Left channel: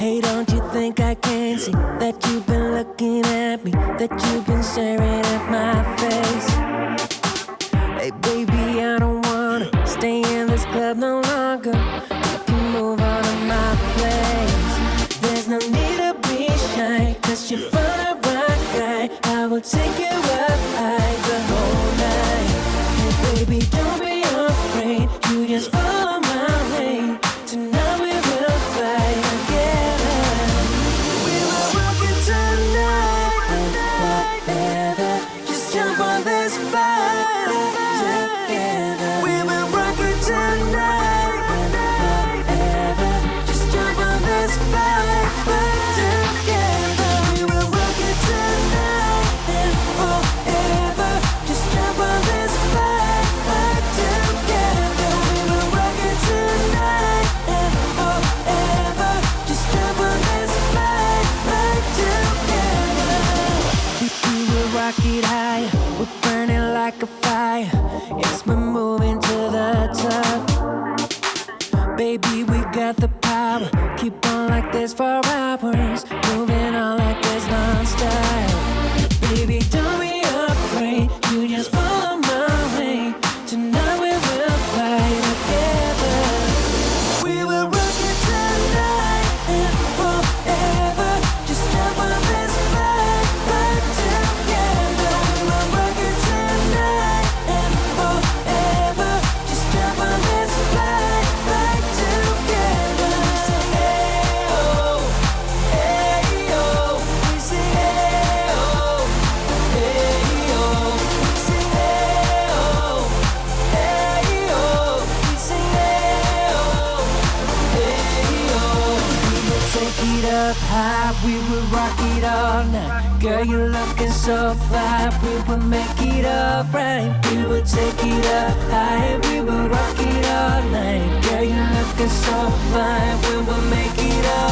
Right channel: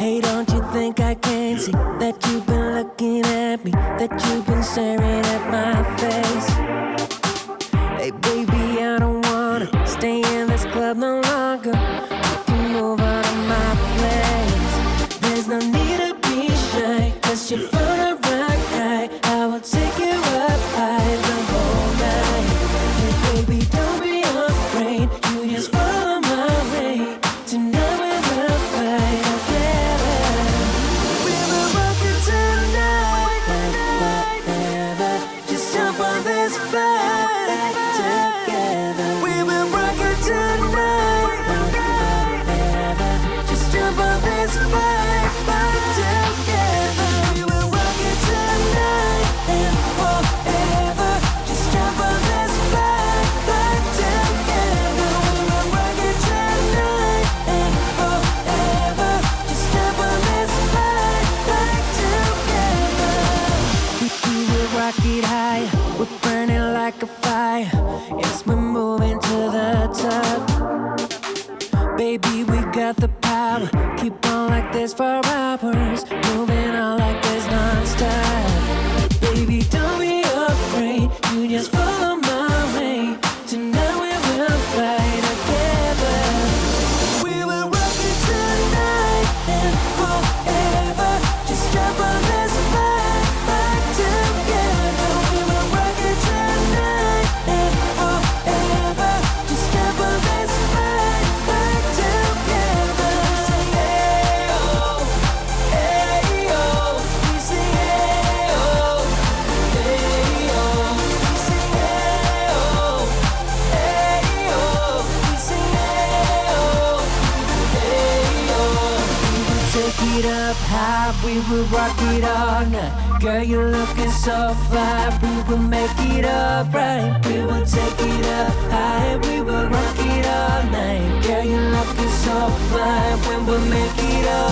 Hey, don't you think I can see that you've been looking at me, that you've been staring at my face? Hey baby, I don't wanna stay in this club no longer. You can move on to my place. There's no need to be shy, 'cause you're found a right guy. I will take you up high the whole night. Hey baby, don't be afraid, you just follow my way. Tonight we will fight together. We will rock it tonight. Just jump on this fight. We will rock it tonight. Just jump on this fight together. We will rock it tonight and forever. Just jump on this fight together. We will rock it tonight and forever. Just jump on this fight together. We will rock it high. We're burning like a fire. Yes, we're moving to the top. Baby, we got the power. Keep on like this for hours. Moving on like this non-stop. Baby, don't be afraid. You just follow my way. Tonight we will fight together. We will rock it tonight and forever. Just jump on this fight together. We will rock it tonight and forever. Just jump on this fight together. We say yeah, oh, hey, oh. We say yeah, oh, hey, oh. We say yeah, oh, hey, oh. We say yeah, oh, hey, oh. We will take it up high, we will rock it all night. Girl, you're looking so fine, we will make it alright. We will take it up high, we will rock it all night. Girl, you're looking so fine, we will make it alright.